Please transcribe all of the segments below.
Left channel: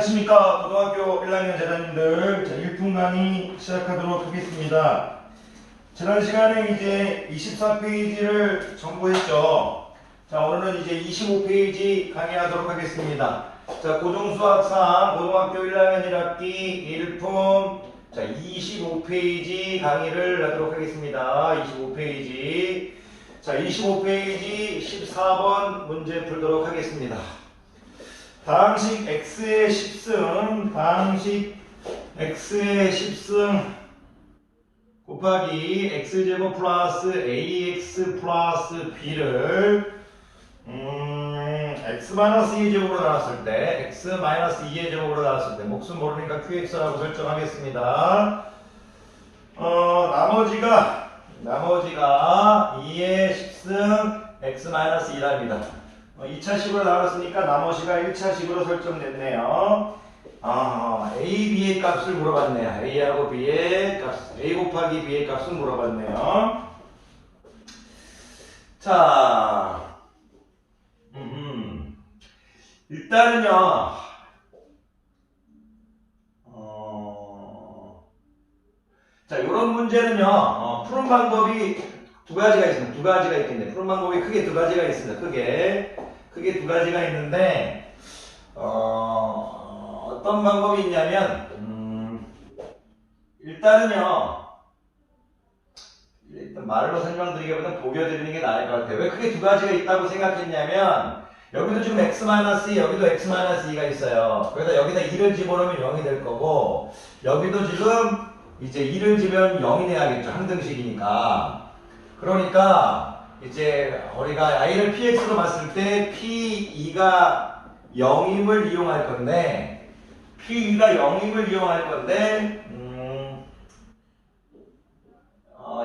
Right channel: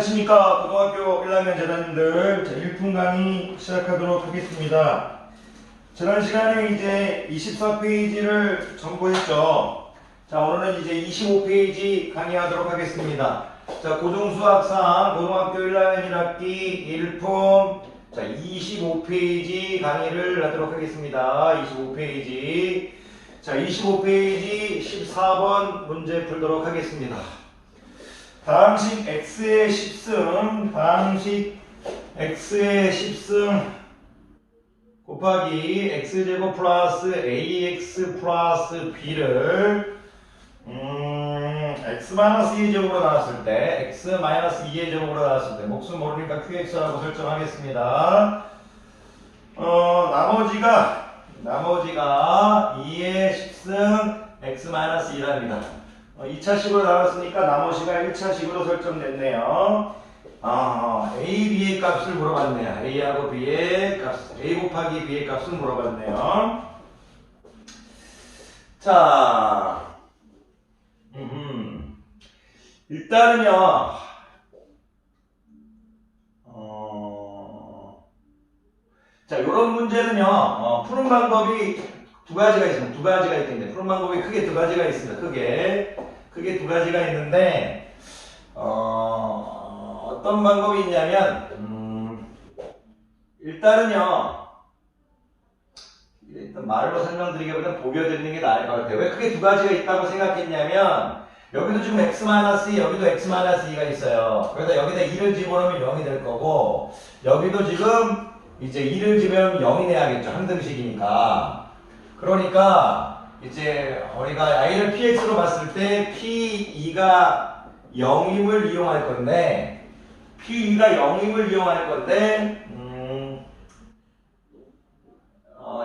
안녕하십니까. 고등학교 1학년 재단님들. 자, 1분 강의 시작하도록 하겠습니다. 지난 시간에 이제 24페이지를 전부했죠. 자, 오늘은 이제 25페이지 강의하도록 하겠습니다. 자, 고등수학상 고등학교 1학년 1학기 1품 자, 25페이지 강의를 하도록 하겠습니다. 25페이지. 자, 25페이지 14번 문제 풀도록 하겠습니다. 다항식 x의 10승, 다항식 x의 10승 곱하기 x제곱 플러스 ax 플러스 b를 x-2의 제곱으로 나왔을 때 x-2의 제곱으로 나왔을 때 몫은 모르니까 qx라고 설정하겠습니다. 나머지가 2의 10승 x-2랍니다. 2차식으로 나왔으니까 나머지가 1차식으로 설정됐네요. A, B의 값을 물어봤네요. A하고 B의 값, A 곱하기 B의 값을 물어봤네요. 자, 일단은요, 자, 요런 문제는요, 푸는 방법이 두 가지가 있습니다. 두 가지가 있겠네. 푸는 방법이 크게 두 가지가 있습니다. 크게 두 가지가 있는데, 어떤 방법이 있냐면, 일단은요, 일단 말로 설명드리기보다는 보여드리는 게 나을 것 같아요. 왜 크게 두 가지가 있다고 생각했냐면, 여기도 지금 x-2, 여기도 x-2가 있어요. 그래서 여기다 2를 집어넣으면 0이 될 거고, 여기도 지금 이제 2를 집으면 0이 돼야겠죠. 항등식이니까. 그러니까 이제 우리가 i를 px로 봤을 때 p2가 0임을 이용할 건데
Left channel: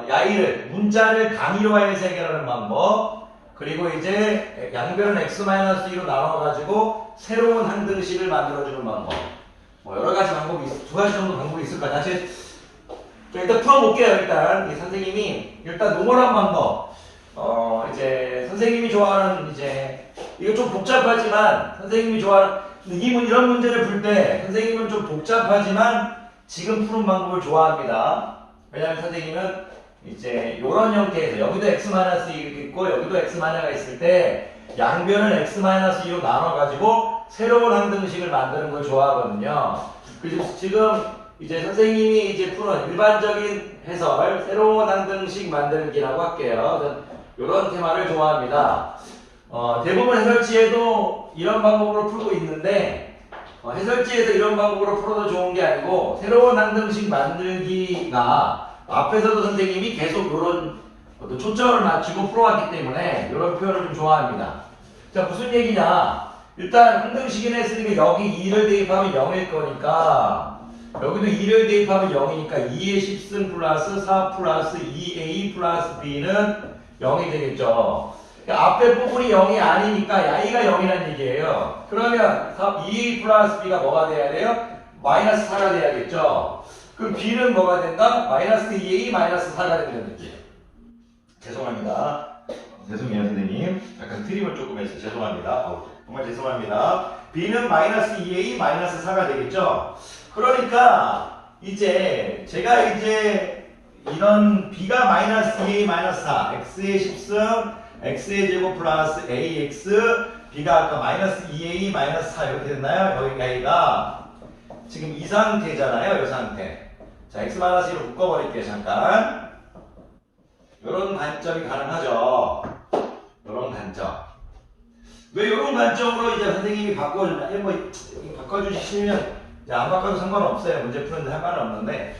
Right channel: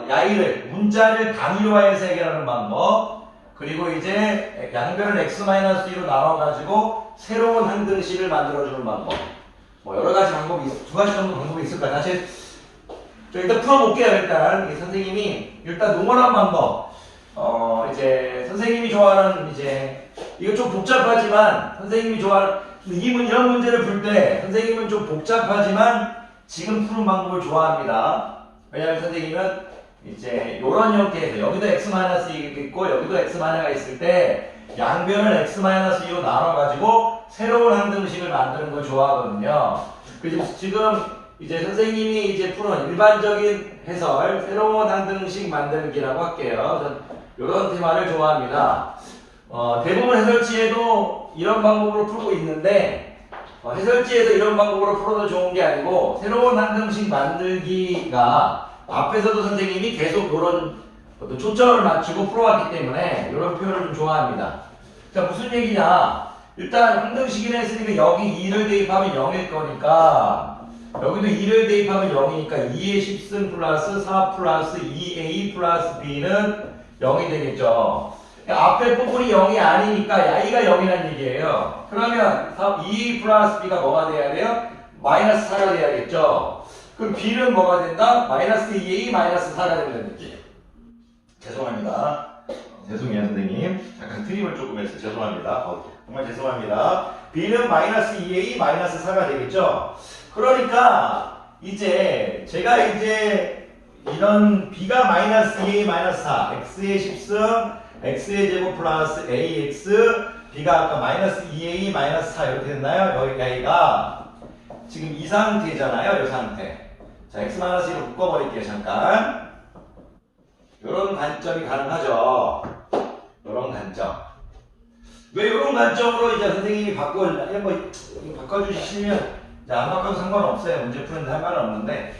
야이를 문자를 단위화해서 해결하는 방법, 그리고 이제 양변을 x-2로 나눠가지고 새로운 항등식을 만들어주는 방법, 뭐 여러 가지 방법이 두 가지 정도 방법이 있을 거예요. 다시 일단 풀어볼게요. 일단 선생님이 일단 농원한 방법. 이제 선생님이 좋아하는 이제 이거 좀 복잡하지만 선생님이 좋아하는 이런 문제를 풀 때 선생님은 좀 복잡하지만 지금 푸는 방법을 좋아합니다. 왜냐하면 선생님은 이제 이런 형태에서 여기도 x-2 있고 여기도 x-가 있을 때 양변을 x-2로 나눠가지고 새로운 항등식을 만드는 걸 좋아하거든요. 그래서 지금 이제 선생님이 이제 푸는 일반적인 해설, 새로운 항등식 만들기라고 할게요. 이런 테마를 좋아합니다. 대부분 해설지에도 이런 방법으로 풀고 있는데, 해설지에서 이런 방법으로 풀어도 좋은 게 아니고, 새로운 항등식 만들기가 앞에서도 선생님이 계속 이런 초점을 맞추고 풀어왔기 때문에 이런 표현을 좀 좋아합니다. 자, 무슨 얘기냐? 일단 항등식이라 했으니까 여기 2를 대입하면 0일 거니까, 여기도 2를 대입하면 0이니까 2의 10승 플러스 4 플러스 2a 플러스 b는 0이 되겠죠. 앞에 부분이 0이 아니니까 야이가 0이라는 얘기예요. 그러면 2a 플러스 b가 뭐가 돼야 돼요? 마이너스 4가 돼야겠죠. 그럼 b는 뭐가 된다? 마이너스 2a 마이너스 4가 되는 거지. 죄송합니다. 죄송해요 선생님. 약간 트림을 조금 해서 죄송합니다. 정말 죄송합니다. b는 마이너스 2a 마이너스 4가 되겠죠. 그러니까 이제 제가 이제 이런 b가 마이너스 2a 마이너스 4, x의 10승, x의 제곱 플러스 ax, b가 아까 마이너스 2a 마이너스 4 이렇게 됐나요? 여기가 지금 이 상태잖아요. 이 상태. 자, x-1로 묶어버릴게요. 잠깐. 이런 관점이 가능하죠. 이런 관점. 왜 이런 관점으로 이제 선생님이 바꿔주시면 안 바꿔도 상관없어요. 문제 푸는데 할 말은 없는데.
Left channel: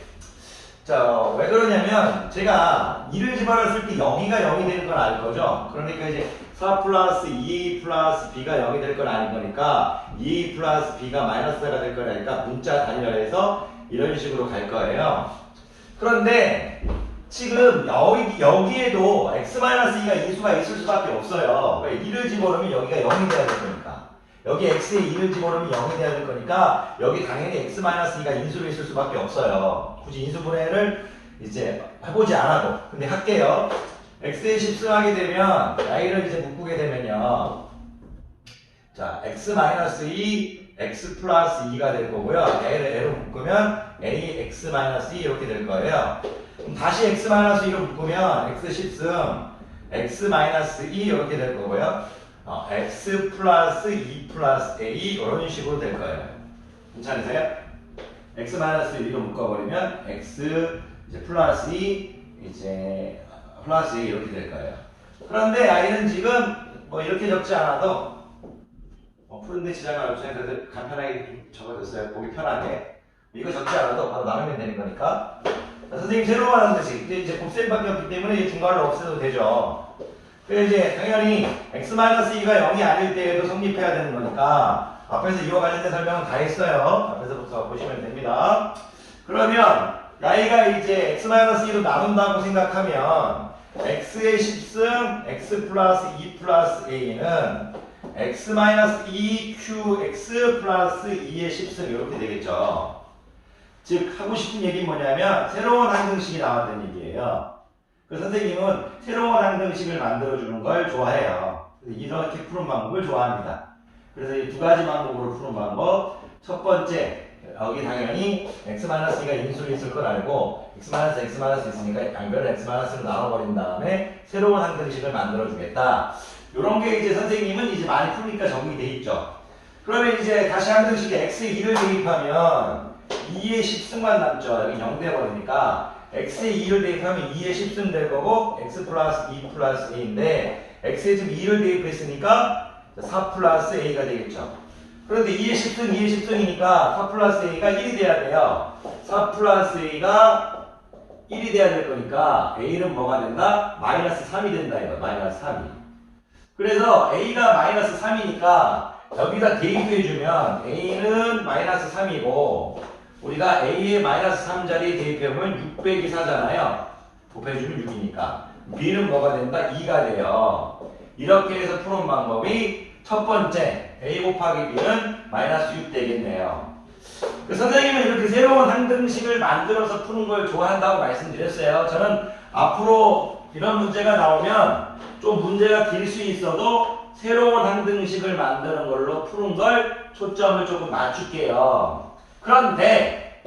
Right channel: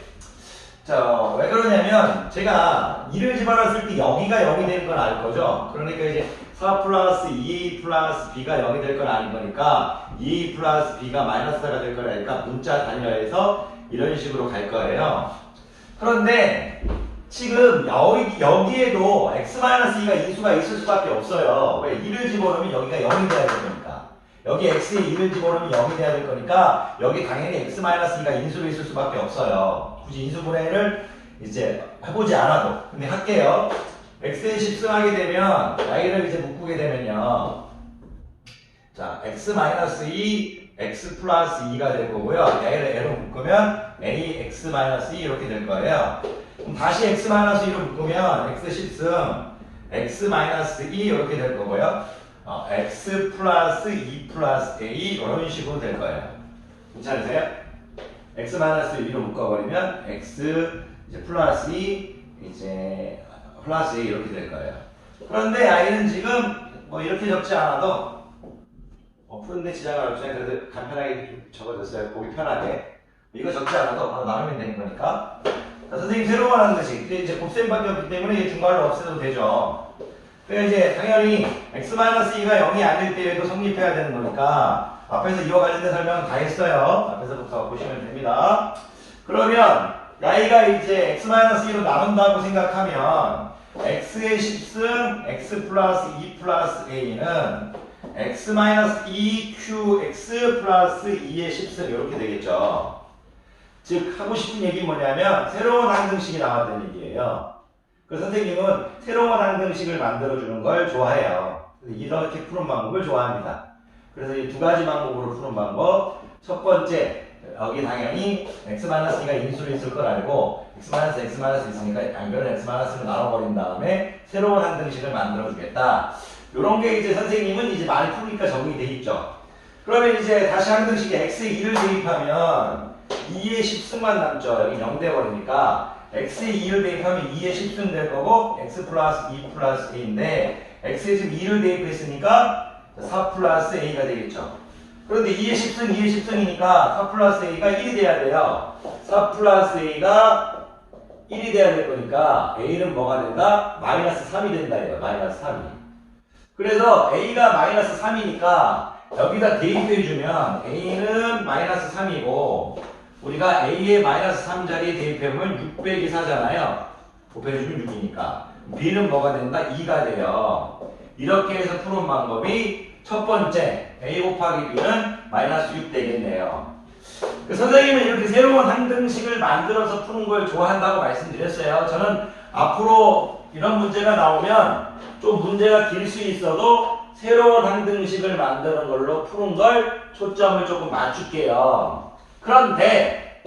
자, 왜 그러냐면 제가 2를 집어넣었을 때 여기가 0이 되는 건 알 거죠. 그러니까 이제 4 플러스 2a 플러스 b가 0이 될 건 아닌 거니까 2a 플러스 b가 마이너스 4가 될 거니까 문자 단위화해서 이런 식으로 갈 거예요. 그런데 지금 여기에도 x-2가 인수가 있을 수밖에 없어요. 왜? 2를 집어넣으면 여기가 0이 돼야 될 거니까. 여기 x에 2를 집어넣으면 0이 돼야 될 거니까 여기 당연히 x-2가 인수로 있을 수밖에 없어요. 굳이 인수분해를 이제 해보지 않아도. 근데 할게요. x에 10승하게 되면 y를 이제 묶게 되면요. 자, x-2 x 플러스 2가 될 거고요. a를 a로 묶으면 ax 마이너스 2 이렇게 될 거예요. 그럼 다시 x 마이너스 2로 묶으면 x 10승 x 마이너스 2 이렇게 될 거고요. x 플러스 2 플러스 a 이런 식으로 될 거예요. 괜찮으세요? x 마이너스 1로 묶어버리면 x 이제 플러스 2 이제 플러스 2 이렇게 될 거예요. 그런데 a는 지금 뭐 이렇게 적지 않아도 푸른데 지장을 없이 그래도 간편하게 적어줬어요. 보기 편하게. 이거 적지 않아도 바로 나누면 되는 거니까. 자, 선생님 새로 말하는 것이 이제 곱셈밖에 없기 때문에 중괄을 없애도 되죠. 그래서 이제 당연히 x-2가 0이 아닐 때에도 성립해야 되는 거니까 앞에서 이와 관련된 설명은 다 했어요. 앞에서부터 보시면 됩니다. 그러면 y가 이제 x-2로 나눈다고 생각하면 x의 10승 x 플러스 2 플러스 a는 x-2qx 플러스 2의 10승 이렇게 되겠죠. 즉 하고 싶은 얘기는 뭐냐면 새로운 항등식이 나왔다는 얘기예요. 그 선생님은 새로운 항등식을 만들어주는 걸 좋아해요. 이렇게 푸는 방법을 좋아합니다. 그래서 이 두 가지 방법으로 푸는 방법. 첫 번째, 여기 당연히 x-2가 인수로 있을 걸 알고 x-x 있으니까 양변을 x-로 나눠버린 다음에 새로운 항등식을 만들어주겠다. 이런 게 이제 선생님은 이제 많이 푸니까 적응이 돼 있죠. 그러면 이제 다시 항등식에 x의 2를 대입하면 2의 10승만 남죠. 여기 0 돼버리니까 x의 2를 대입하면 2의 10승 될 거고 x 플러스 2 플러스 a인데 x에 지금 2를 대입했으니까 4 플러스 a가 되겠죠. 그런데 2의 10승 2의 10승이니까 4 플러스 a가 1이 돼야 돼요. 4 플러스 a가 1이 돼야 될 거니까 a는 뭐가 된다? 마이너스 3이 된다 이거. 마이너스 3이. 그래서 a가 마이너스 3이니까 여기다 대입해주면 a는 마이너스 3이고 우리가 a의 마이너스 3 자리에 대입해보면 6 빼기 4잖아요. 곱해주면 6이니까 b는 뭐가 된다? 2가 돼요. 이렇게 해서 푸는 방법이 첫 번째 a 곱하기 b는 마이너스 6 되겠네요. 선생님은 이렇게 새로운 항등식을 만들어서 푸는 걸 좋아한다고 말씀드렸어요. 저는 앞으로 이런 문제가 나오면 좀 문제가 길 수 있어도 새로운 항등식을 만드는 걸로 푸는 걸 초점을 조금 맞출게요. 그런데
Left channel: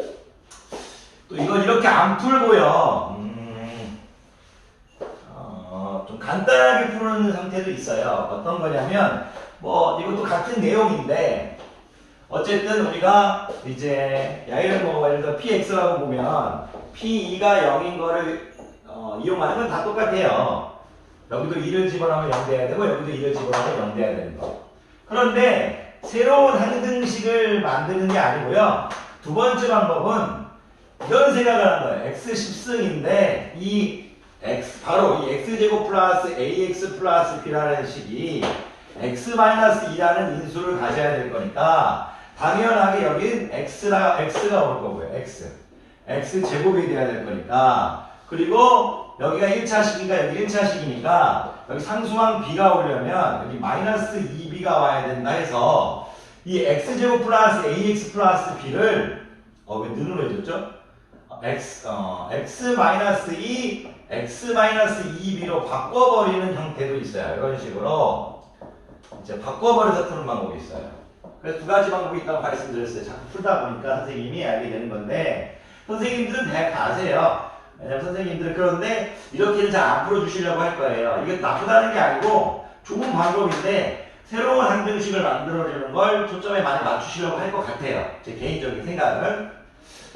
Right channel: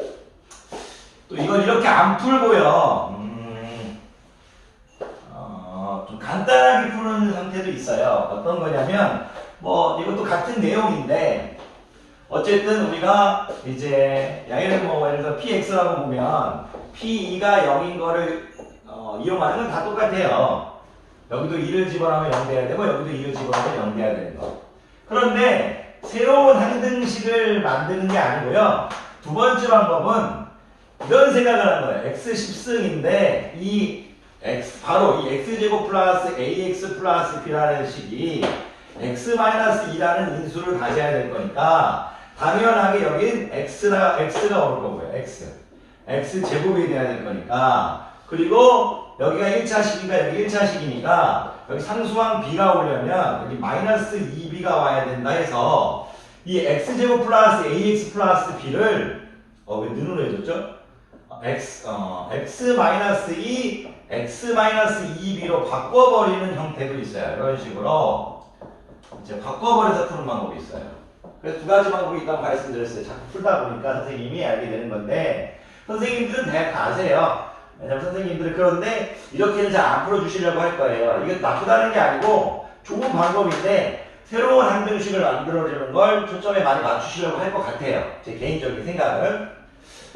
또 이건 이렇게 안 풀고요. 좀 간단하게 푸는 상태도 있어요. 어떤 거냐면 뭐 이것도 같은 내용인데 어쨌든 우리가 이제 예를 들어 px라고 보면 p2가 0인 거를 이용하는 건 다 똑같아요. 여기도 2를 집어넣으면 0 돼야 되고 여기도 2를 집어넣으면 0 돼야 되는 거. 그런데 새로운 항등식을 만드는 게 아니고요. 두 번째 방법은 이런 생각을 하는 거예요. x 10승인데 바로 이 x제곱 플러스 ax 플러스 b라는 식이 x-2라는 인수를 가져야 될 거니까 당연하게 여긴 x가 올 거고요. x제곱이 돼야 될 거니까 그리고 여기가 1차식이니까 여기 1차식이니까 여기 상수항 b가 오려면 여기 마이너스 2b가 와야 된다 해서 이 x제곱 플러스 ax 플러스 b를 왜 는으로 해줬죠? x-2 x-2b로 바꿔버리는 형태도 있어요. 이런 식으로 이제 바꿔버려서 푸는 방법이 있어요. 그래서 두 가지 방법이 있다고 말씀드렸어요. 자꾸 풀다 보니까 선생님이 알게 되는 건데 선생님들은 대략 다 아세요. 왜냐면 선생님들은 그런데 이렇게는 잘 안 풀어주시려고 할 거예요. 이게 나쁘다는 게 아니고 좋은 방법인데 새로운 항등식을 만들어주는 걸 초점에 많이 맞추시려고 할 것 같아요. 제 개인적인 생각은.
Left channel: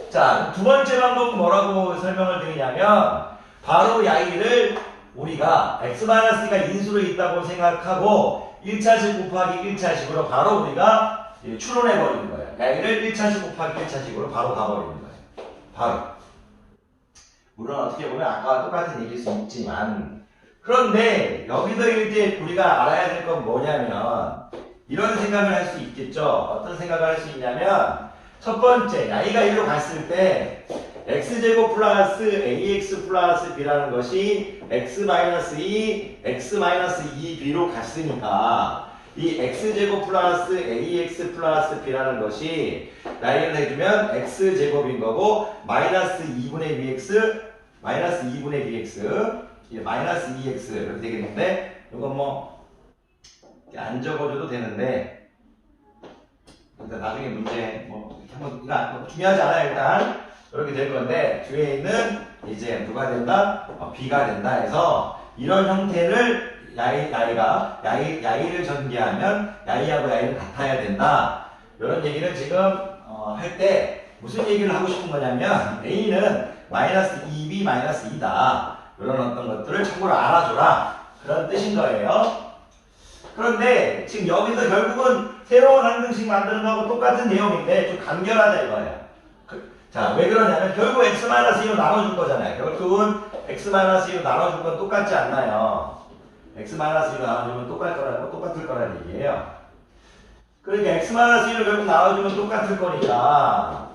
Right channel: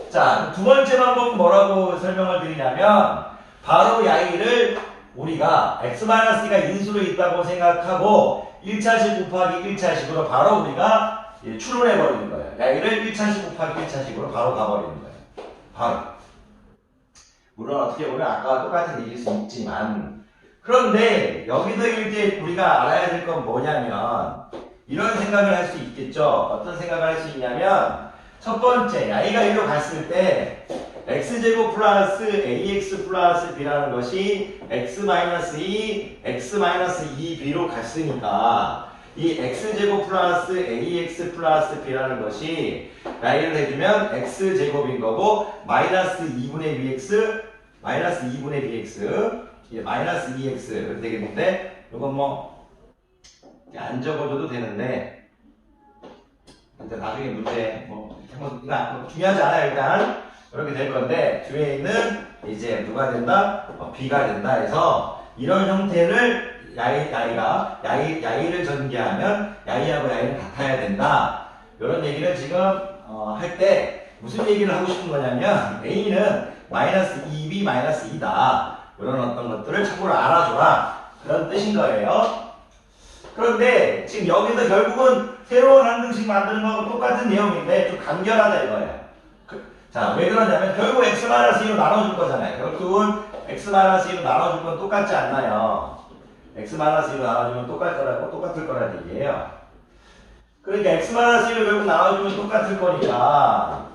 자, 두 번째 방법은 뭐라고 설명을 드리냐면 바로 y를 우리가 x-가 인수로 있다고 생각하고 1차식 곱하기 1차식으로 바로 우리가 추론해버리는 거예요. y를 1차식 곱하기 1차식으로 바로 가버리는 거예요. 바로. 물론 어떻게 보면 아까와 똑같은 얘기일 수 있지만 그런데 여기서 이제 우리가 알아야 될 건 뭐냐면 이런 생각을 할 수 있겠죠. 어떤 생각을 할 수 있냐면 첫 번째 y가 1로 갔을 때 x제곱 플러스 ax 플러스 b라는 것이 x-2 x-2b로 갔으니까 이 x제곱 플러스 ax 플러스 b라는 것이 나이를 해주면 x제곱인 거고 마이너스 2분의 bx 마이너스 2분의 bx 마이너스 2x 이렇게 되겠는데 이건 뭐 안 적어줘도 되는데 일단 나중에 문제 뭐 한번 이거 중요하지 않아요. 일단 이렇게 될 건데 뒤에 있는 이제 누가 된다? B가 된다 해서 이런 형태를 야이를 전개하면 야이하고 야이는 같아야 된다. 이런 얘기를 지금 할 때 무슨 얘기를 하고 싶은 거냐면 A는 마이너스 2B 마이너스 2다. 이런 어떤 것들을 참고로 알아줘라. 그런 뜻인 거예요. 그런데 지금 여기서 결국은 새로운 항등식 만드는 거하고 똑같은 내용인데 좀 간결하다 이거예요. 자, 왜 그러냐면 결국 x-2로 나눠줄 거잖아요. 결국은 x-2로 나눠줄 건 똑같지 않나요? x-2로 나눠주면 똑같을 거라는 얘기예요. 그러니까 x-2를 결국 나눠주면 똑같을 거니까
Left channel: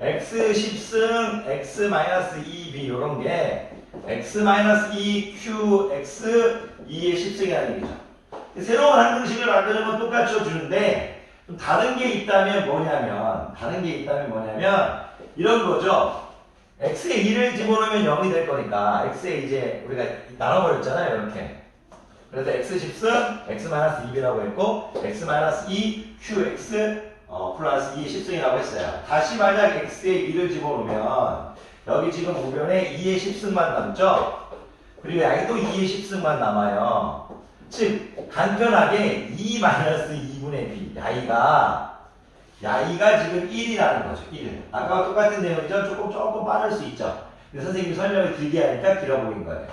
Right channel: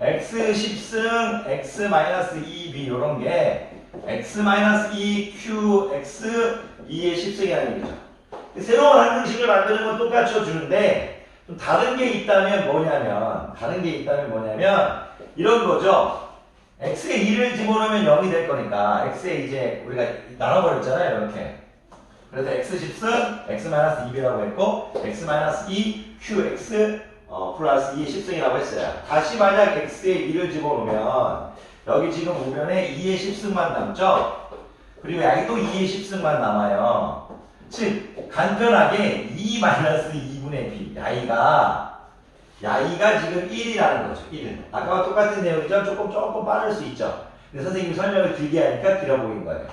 x10승 x-2b 이런 게 x-2q x2의 10승이라는 얘기죠. 새로운 항등식을 만드는 건 똑같이 주는데 좀 다른 게 있다면 뭐냐면 이런 거죠. x에 2를 집어넣으면 0이 될 거니까 x에 이제 우리가 나눠버렸잖아요. 이렇게. 그래서 x10승 x-2b라고 했고 x-2 qx 플러스 2의 10승이라고 했어요. 다시 만약 x에 2를 집어넣으면 여기 지금 우변에 2의 10승만 남죠? 그리고 여기 또 2의 10승만 남아요. 즉 간편하게 2-2분의 b 야이가 지금 1이라는 거죠. 1. 아까와 똑같은 내용이죠. 조금 빠를 수 있죠. 근데 선생님이 설명을 길게 하니까 길어 보인 거예요.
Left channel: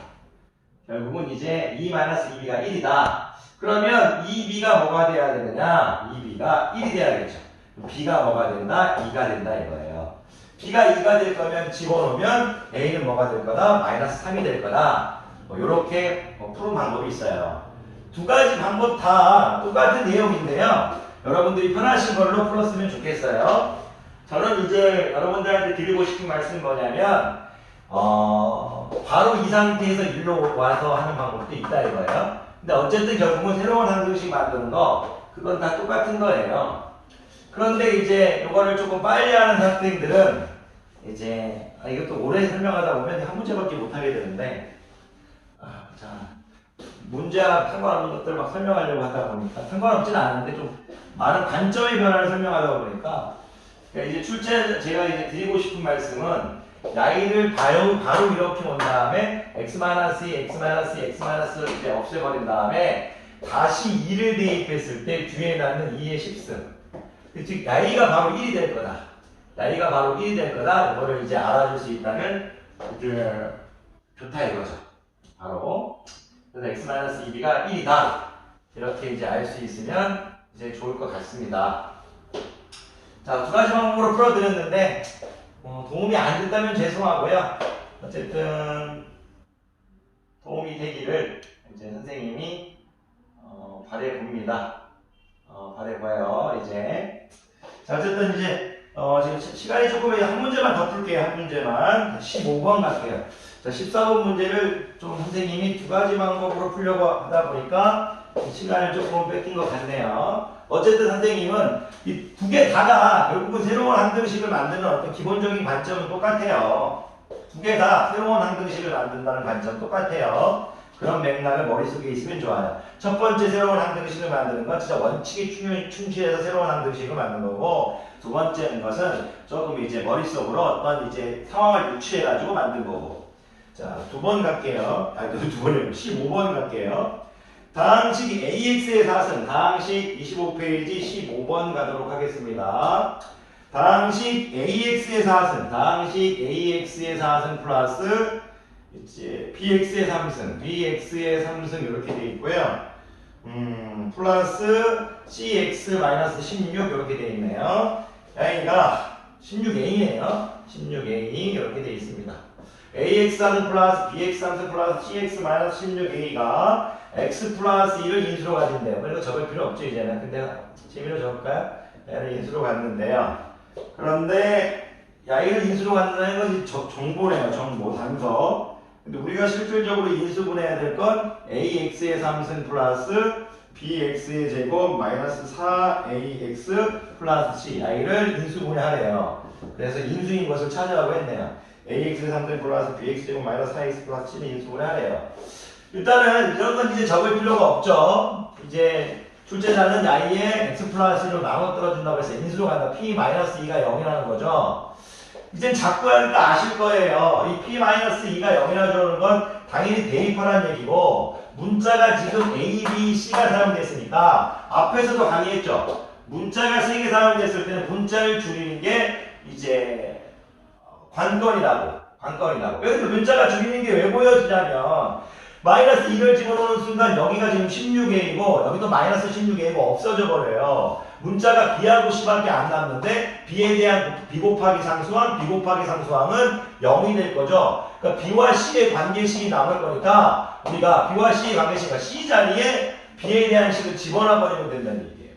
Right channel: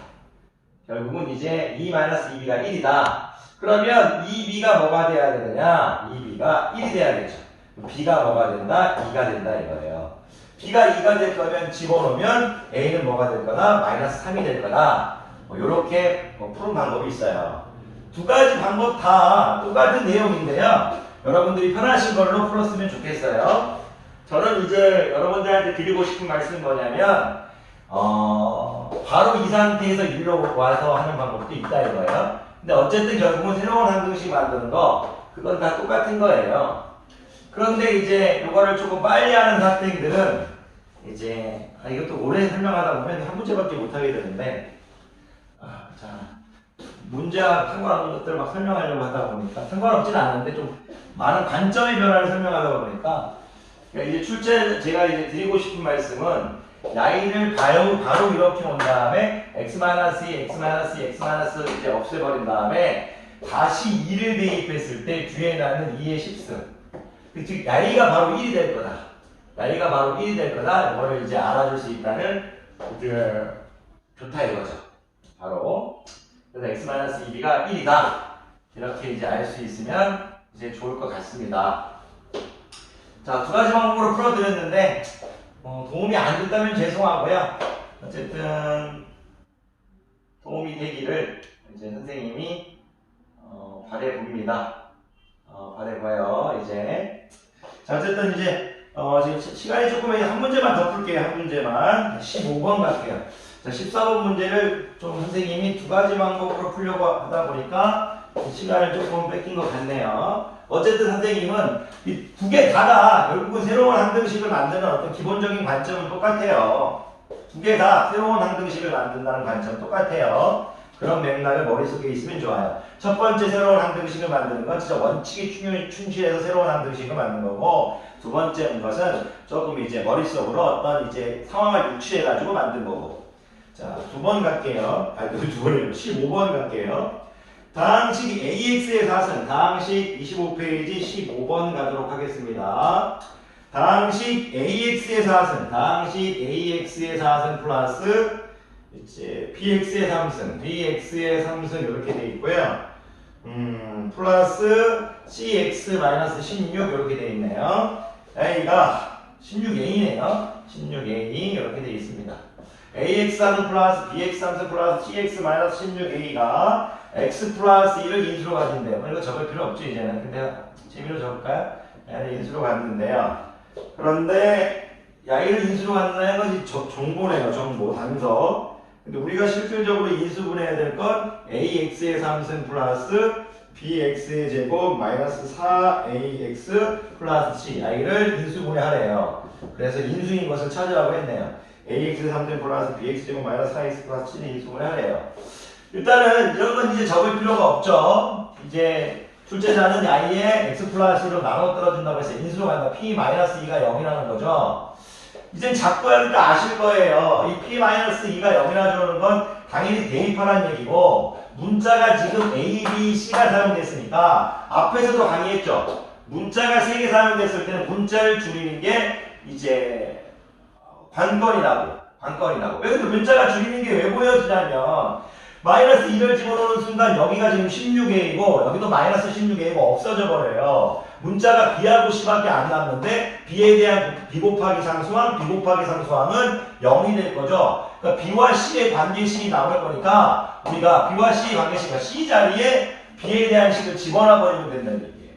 결국은 이제 2-2b가 1이다. 그러면 2b가 뭐가 돼야 되느냐? 2b가 1이 돼야겠죠. b가 뭐가 된다? 2가 된다 이거예요. b가 2가 될 거면 집어넣으면 a는 뭐가 될 거다? 마이너스 3이 될 거다. 이렇게 푸는 방법이 있어요. 두 가지 방법 다 똑같은 내용인데요. 여러분들이 편하신 걸로 풀었으면 좋겠어요. 저는 이제 여러분들한테 드리고 싶은 말씀이 뭐냐면 바로 이 상태에서 일로 와서 하는 방법도 있다 이거예요. 근데 어쨌든 결국은 새로운 항등식 만드는 거 그건 다 똑같은 거예요. 그런데 이제 이거를 조금 빨리 하는 학생들은 이제 이것도 오래 설명하다 보면 한 문제밖에 못 하게 되는데 자 문제와 상관없는 것들 막 설명하려고 하다 보니까 상관없지는 않은데 좀 많은 관점의 변화를 설명하다 보니까 그러니까 이제 제가 이제 드리고 싶은 말씀은 야이를 바로 이렇게 온 다음에 x-2 이제 없애버린 다음에 다시 2를 대입했을 때 뒤에 나는 2의 10승 즉 야이가 바로 1이 될 거다. 야이가 바로 1이 될 거다. 이거를 이제 알아줄 수 있다는 좋다 이거죠. 바로 그래서 x-2b가 1이다. 이렇게 이제 알 수 있으면 이제 좋을 것 같습니다. 자, 두 가지 방법으로 풀어드렸는데 도움이 안 됐다면 죄송하고요. 어쨌든 도움이 되기를 이제 선생님이 바래 봅니다. 바래 봐요. 이제 자, 어쨌든 이제 지금 시간이 조금 한 문제만 더 풀게요. 한 문제만 15번 갈게요. 자, 14번 문제를 좀 선생님이 두 가지 방법으로 풀려고 하다 보니까 시간을 조금 뺏긴 것 같네요. 어쨌든 선생님은 이 두 개 다가 결국은 새로운 항등식을 만드는 어떤 기본적인 관점은 똑같아요. 두 개 다 새로운 항등식을 만든다는 관점 똑같아요. 그런 맥락을 머릿속에 있으면 좋아요. 첫 번째 새로운 항등식을 만드는 건 진짜 원칙에 충실해서 새로운 항등식을 만드는 거고 두 번째 것은 조금 이제 머릿속으로 어떤 이제 상황을 유추해가지고 만든 거고 자, 두 번 갈게요. 두 번이에요. 15번 갈게요. 다항식 AX의 사승, 다항식 25페이지 15번 가도록 하겠습니다. 다항식 AX의 사승, 다항식 AX의 사승 플러스 이제 BX의 3승, BX의 3승 이렇게 돼 있고요. 플러스 CX-16 이렇게 돼 있네요. A가 16A네요. 16A 이렇게 돼 있습니다. AX3승 플러스 BX3승 플러스 CX-16A가 X 플러스 2를 인수로 가진대요. 이거 적을 필요 없죠, 이제는. 근데 재미로 적을까요? 얘를 인수로 갔는데요. 그런데 야이를 인수로 갖는다는 건 정보네요. 정보, 단서. 근데 우리가 실질적으로 인수분해야 될 건 AX의 3승 플러스 BX의 제곱 마이너스 4AX 플러스 C. 야이를 인수분해하래요. 그래서 인수인 것을 찾으라고 했네요. AX의 3승 플러스 BX 제곱 마이너스 4X 플러스 C는 인수분해하래요. 일단은 이런 건 이제 적을 필요가 없죠. 이제 출제자는 야이에 x 플러스 1로 나눠 떨어진다고 해서 인수로 간다. p-2가 0이라는 거죠. 이젠 자꾸 하니까 아실 거예요. 이 p-2가 0이라는 건 당연히 대입하라는 얘기고, 문자가 지금 a, b, c가 사용됐으니까 앞에서도 강의했죠. 문자가 3개 사용됐을 때는 문자를 줄이는 게 이제 관건이라고. 왜 근데 문자가 줄이는 게 왜 보여지냐면 마이너스 2를 집어넣는 순간 여기가 지금 16a이고 여기도 마이너스 16a가 없어져 버려요. 문자가 b하고 c밖에 안 남는데 b에 대한 b 곱하기 상수항은 0이 될 거죠. 그러니까 b와 c의 관계식이 나올 거니까 우리가 b와 c의 관계식과 c 자리에 b에 대한 식을 집어넣어 버리면 된다는 얘기예요.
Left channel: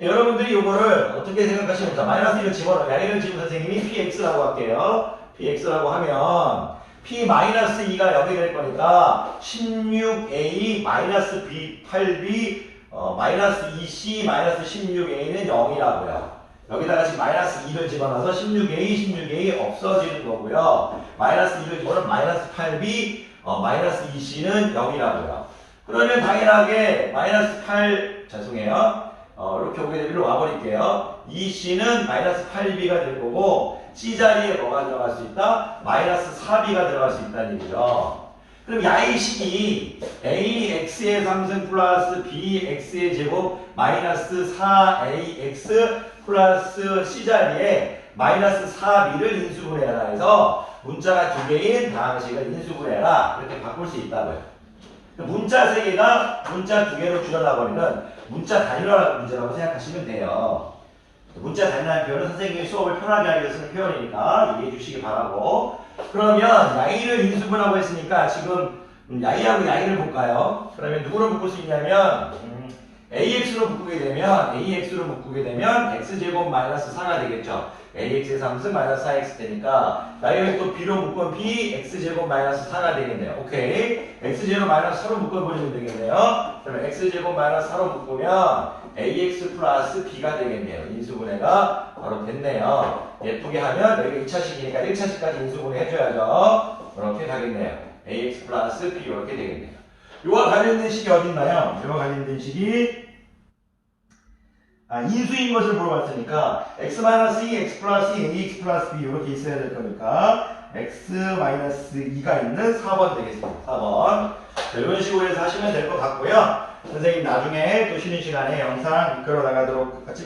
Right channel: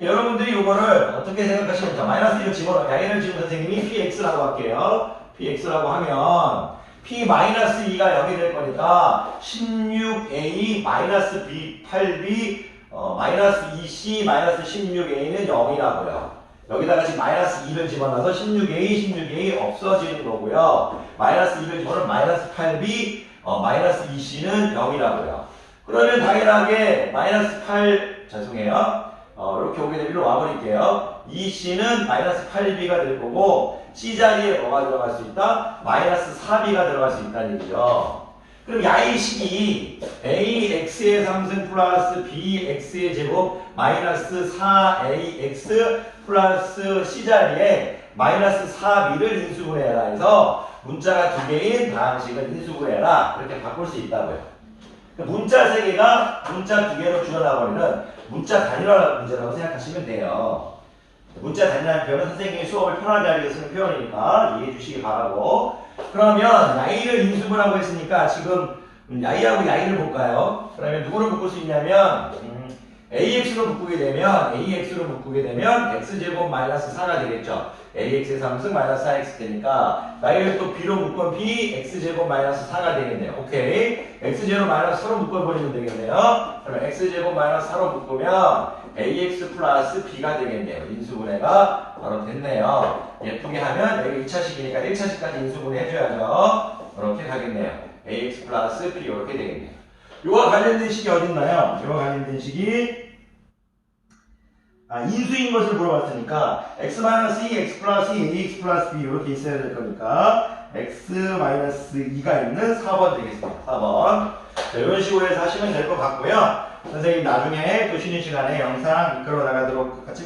여러분들이 이거를 어떻게 생각하시면 됩니까? 마이너스 1을 집어넣어. 야기를 지금 선생님이 px라고 할게요. px라고 하면 p-2가 0이 될 거니까 16a 마이너스 b 8b 마이너스 2c 마이너스 16a는 0이라고요. 여기다가 지금 마이너스 2를 집어넣어서 16a 없어지는 거고요. 마이너스 2를 집어넣으면 마이너스 8b 마이너스 2c는 0이라고요. 그러면 당연하게 마이너스 8 죄송해요. 이렇게 오게 되면 와버릴게요. 2c는 마이너스 8b가 될 거고 c 자리에 뭐가 들어갈 수 있다? 마이너스 4b가 들어갈 수 있다는 얘기죠. 그럼 야이식이 ax의 상승 플러스 bx의 제곱 마이너스 4ax 플러스 c 자리에 마이너스 4b를 인수분해해라 해서 문자가 2개인 다항식을 인수분해해라 이렇게 바꿀 수 있다고요. 문자 3개가 문자 2개로 줄여나버리는 문자 단위화 문제라고 생각하시면 돼요. 문자 단위라는 표현은 선생님이 수업을 편하게 하기 위해서 쓰는 표현이니까 이해해 주시기 바라고. 그러면 야이를 인수분하고 했으니까 지금 야이하고 야이를 볼까요? 그러면 누구로 묶을 수 있냐면 AX로 묶게 되면 X제곱 마이너스 4가 되겠죠. AX의 3승 마이너스 4X 되니까 나이를 또 B로 묶으면 B X제곱 마이너스 4가 되겠네요. 오케이. X제곱 마이너스 4로 묶어버리면 되겠네요. 그러면 X제곱 마이너스 4로 묶으면 AX 플러스 B가 되겠네요. 인수분해가 바로 됐네요. 예쁘게 하면 여기 2차식이니까 1차식까지 인수분해 해줘야죠. 이렇게 가겠네요. AX 플러스 B 이렇게 되겠네요. 요와 관련된 식이 어딨나요? 요와 관련된 식이 인수인 것을 물어봤으니까 x-2, x 플러스 2, ax 플러스 b 이렇게 있어야 될 거니까 x-2가 있는 4번 되겠습니다. 4번. 자, 이런 식으로 해서 하시면 될 것 같고요. 선생님 나중에 또 쉬는 시간에 영상 찍어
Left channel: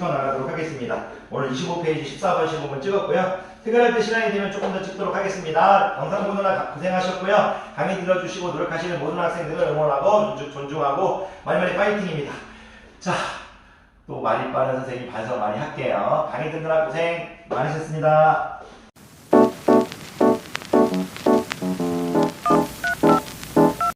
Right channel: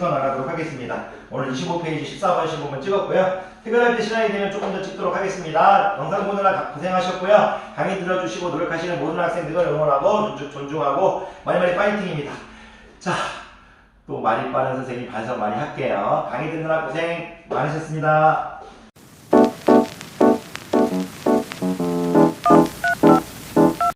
나가도록 하겠습니다. 오늘 25페이지 14번 15번 찍었고요. 퇴근할 때 시간이 되면 조금 더 찍도록 하겠습니다. 영상 보느라 고생하셨고요. 강의 들어주시고 노력하시는 모든 학생들을 응원하고 존중하고 많이 파이팅입니다. 자, 또 말이 빠른 선생님 반성 많이 할게요. 강의 듣느라 고생 많으셨습니다.